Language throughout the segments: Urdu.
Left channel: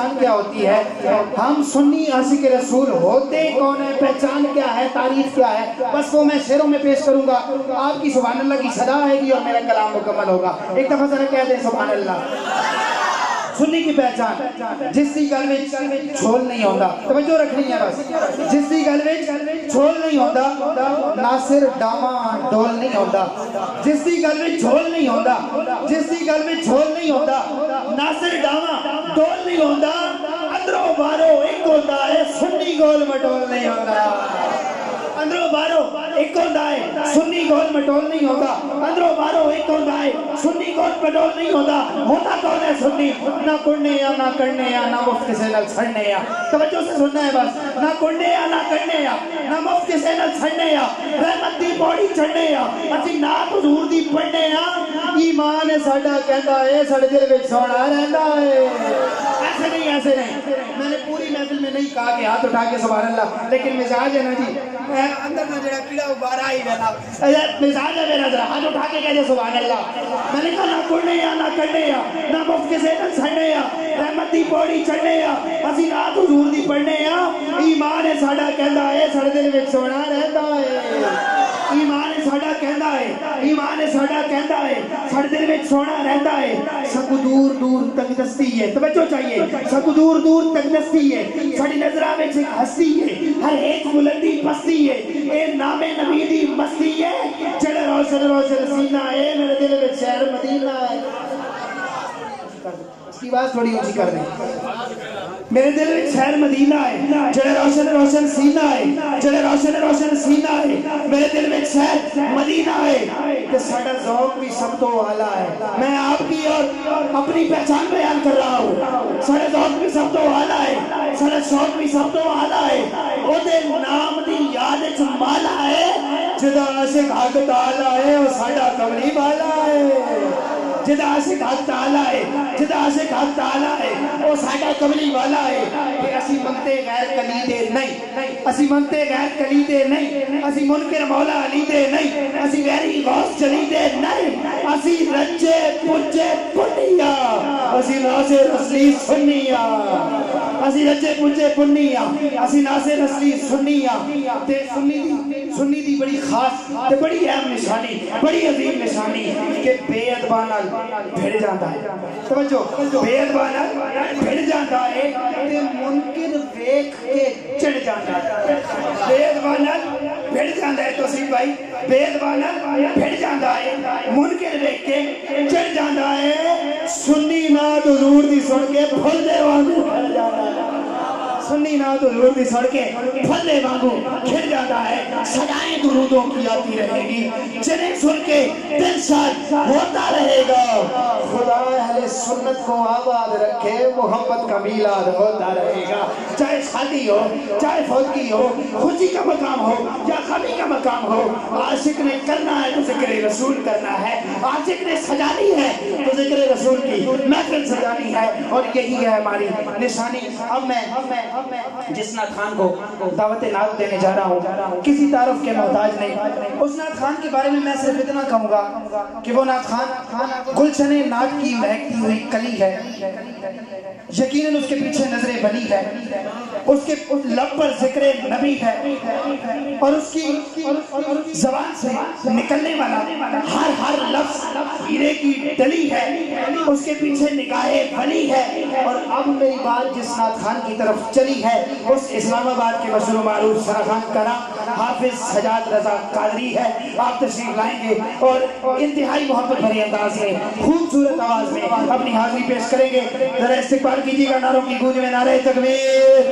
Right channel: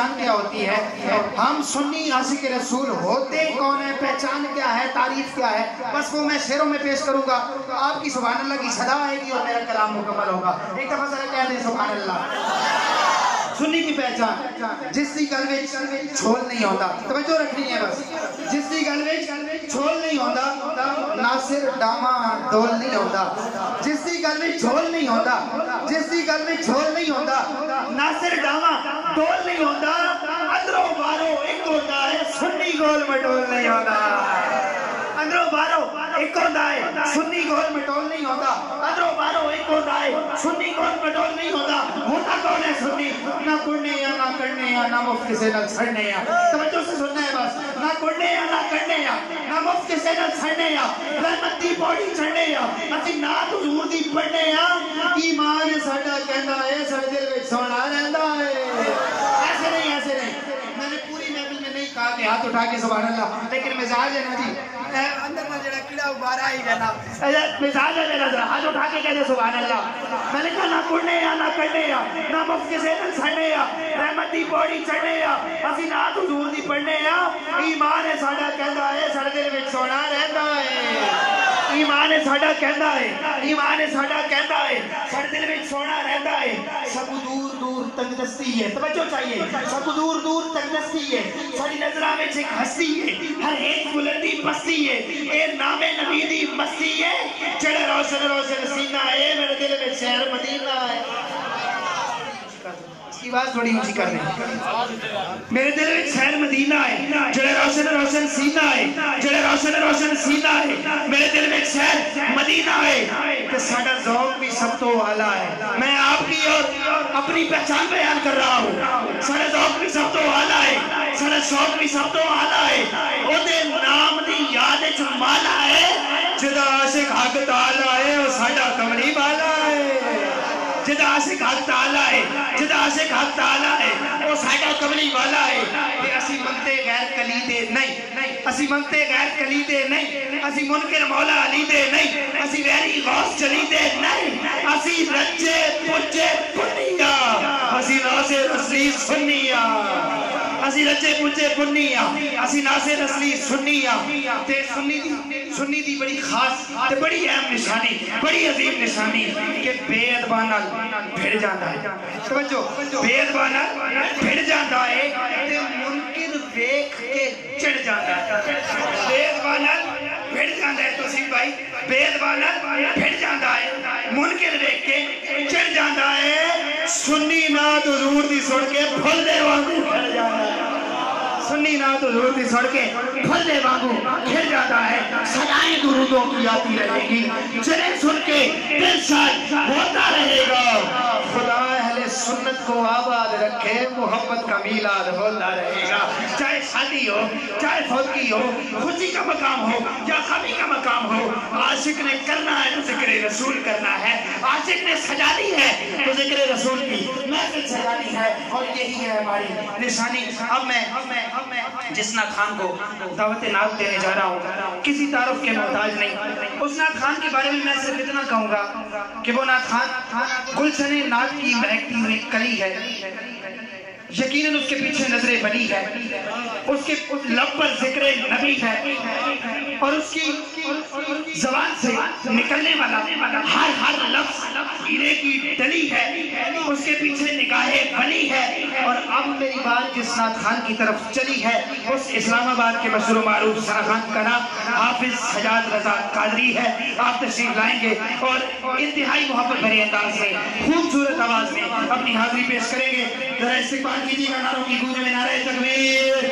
پہچان کیا ہوتی ہے؟ ہم سنی عاشق رسول ہوتے کون ہیں، پہچان کیا ہے، تعریف کیا ہے، بس وہ میں شعروں میں پیش کروں گا، آپ کی سبحان اللہ کی صدا آئے گی اور میرا کلام مکمل ہوگا۔ ایک دفعہ ذرا کہہ دیں سبحان اللہ۔ سنی کی پہچان، جس دی گل وچ چھول نہیں ہوندا، توجہ رکھنی ہے بس، جس دی گل وچ چھول نہیں ہوندا، ناصر ڈاواں ڈول نہیں ہوندا، جس دی گل وچ چھول نہیں ہوندا، جس دی گل وچ چھول نہیں ہوندا، ناصر ڈاواں ڈول نہیں ہوندا، اندروں باروں ایک ہوندا ہے، سنی گول مٹول نہیں ہوندا۔ اندروں باروں ایک ہوتا ہے، سنی گول مٹول نہیں ہوتا، اندروں باروں ایک ہوتا ہے، سنی گول مٹول نہیں ہوتا، ہوتا کون ہے سنی؟ نہ کڑنے یا نہ کرنے یا نہ مفت کسے نہ چھڑنے یا، توجہ سے سننا ہے بس، نہ کڑنے یا نہ کرنے یا نہ مفت کسے نہ چھڑنے یا، رحمت دی پوڑی چھڑنے یا، اسی نات حضور دی پڑھنے یا، ایمان ساڈا کہندا ہے ساڈے دل وچ سونا رہندا ہے۔ ایسے نہیں، ایسے نہیں، میں نے پوری محفل میں نہیں کہا کہ ہاتھ اٹھا کے سبحان اللہ، لیکن مزاج ہے نا جی، اندر نہ جڑا کیڑا ابارا ہی رہنا، مزاج ہے میرا، ذرا ہاتھ اٹھا کے کہتے سبحان اللہ۔ میں نے کہا نہ کڑنے یا نہ کڑنے یا نہ مفت کسے نہ چھڑنے یا، رحمت دی پوڑی چڑھنے یا، اسی نات حضور دی پڑھنے یا، ایمان ہے ساڈا کہندا ہے ساڈے دل وچ سونا رہندا ہے۔ ایمان ہے ساڈا کہندا ہے، ایمان ہے ساڈا کہندا ہے ساڈے دل وچ سونا رہندا ہے۔ سب دور دور تک دستی ہے، توجہ چاہیے، سب دور دور تک دستی ہے، ساڈی نظراں وچ ایک ہستی ہے، ہر ایک بلندی پستی ہے، اے نام نبی دی مستی ہے، جڑا روشن روشن سینہ ہے، میرے دل وچ شہر مدینہ ہے۔ اس کی بات تھوڑی اونچی کر دیں، میرے دل وچ شہر مدینہ ہے، جڑا روشن روشن سینہ ہے، جڑا روشن روشن سینہ ہے، میرے دل وچ شہر مدینہ ہے، تے ساڈا ذوق بھی سب تو اعلیٰ ہے۔ میں آپ کی اور اپنی پہچان بیان کر رہا ہوں، ساڈا ذوق بھی سب تو اعلیٰ ہے، ساڈا شوق بھی سب تو اعلیٰ ہے، او دے نام دی یاد وچ مالا ہے، جدا عاشق حق تعالیٰ ہے اور ساڈا کملی والا ہے۔ جدا عاشق حق تعالیٰ ہے، جدا عاشق حق تعالیٰ ہے، وہ ساڈا کملی والا ہے۔ کہ اسی منتے غیر کلیدے نہیں، اسی منتے غیر کلیدے نہیں، اسی منکر مولا علی دے نہیں، اسی ویری غوث چلی دے نہیں، اسی رچے پچے پنیا، اسی ناصر اصلی سنیا، اسی رچے پچے پنیا، اسی ناصر اصلی سنیا۔ تے سنی دی بڑی خاص تے بڑی اہم نشانی، بڑی عظیم نشانی کہ بے ادباں نال بھڑ جاندا ہے، توجہ، بے ادباں نال بھڑ جاندا ہے تے منکر ویکھ کے چڑھ جاندا ہے، بے ادباں نال بھڑ جاندا ہے، توسیف بھائی، بے ادباں نال بھڑ جاندا ہے، منکر ویکھ کے چڑھ جاندا ہے، سنی نات حضور دی سن کے پھل دے وانگو کھڑ جاندا ہے، سنی نات حضور دی سن کے پھل دے وانگو کھڑ جاتا ہے، صدائیں درودوں کی آتی رہے گی، چلے سن کے دل شاد ہوتا رہے گا، خدا اہل سنت کو آباد رکھے، محبت کا میلاد ہوتا رہے گا، چاہے شادی ہو، چاہے فوتگی ہو، خوشی کا مقام ہو یا غمی کا مقام ہو، عاشق نے کرنا ہے تو ذکر رسول کرنا ہے، عاشق نے سجانی ہے تو ذکر رسول کی محفل سجانی ہے، اور یہی ہے ہماری نشانی۔ اب میں جس نعت خان کو دعوت نعت دینے جا رہا ہوں، کسی تعارف کے محتاج نہیں، اس نعت خان کے بارے میں صرف اتنا کہوں گا کہ وہ نعت خان گلشن نعت کی مہکتی ہوئی کلی ہے، یقیناً اس کے پیچھے نظر بلی ہے، اس کے لب پر ذکر نبی ہے، اور اس کی زبان سے نکلنے والا ہر لفظ ہیرے کی ڈلی ہے، اس کے پیچھے نگاہ ولی ہے۔ اور اب میری بات جس نعت خان کی طرف چلی ہے اس اسلام آباد کے مشہور و معروف سرخان کا نام حافظ سجاد رضا قادری ہے، آپ تشریف لائیں گے اور انتہائی محبت بھری انداز میں خوبصورت آواز میں اپنی حاضری پیش کریں گے۔ ذرا استقبال کیجیے گا نعروں کی گونج میں، نعرہ تکبیر،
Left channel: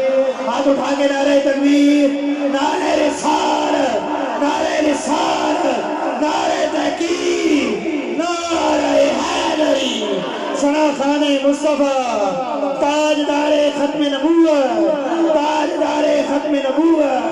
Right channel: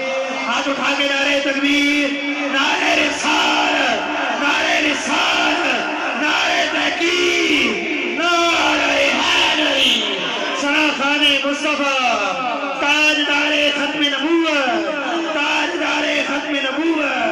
ہاتھ اٹھا کے نعرہ تکبیر، نعرہ رسالت، نعرہ رسالت، نعرہ تحقیق، نعرہ حیدری، سرخان مصطفیٰ، تاجدار ختم نبوت، تاجدار ختم نبوت۔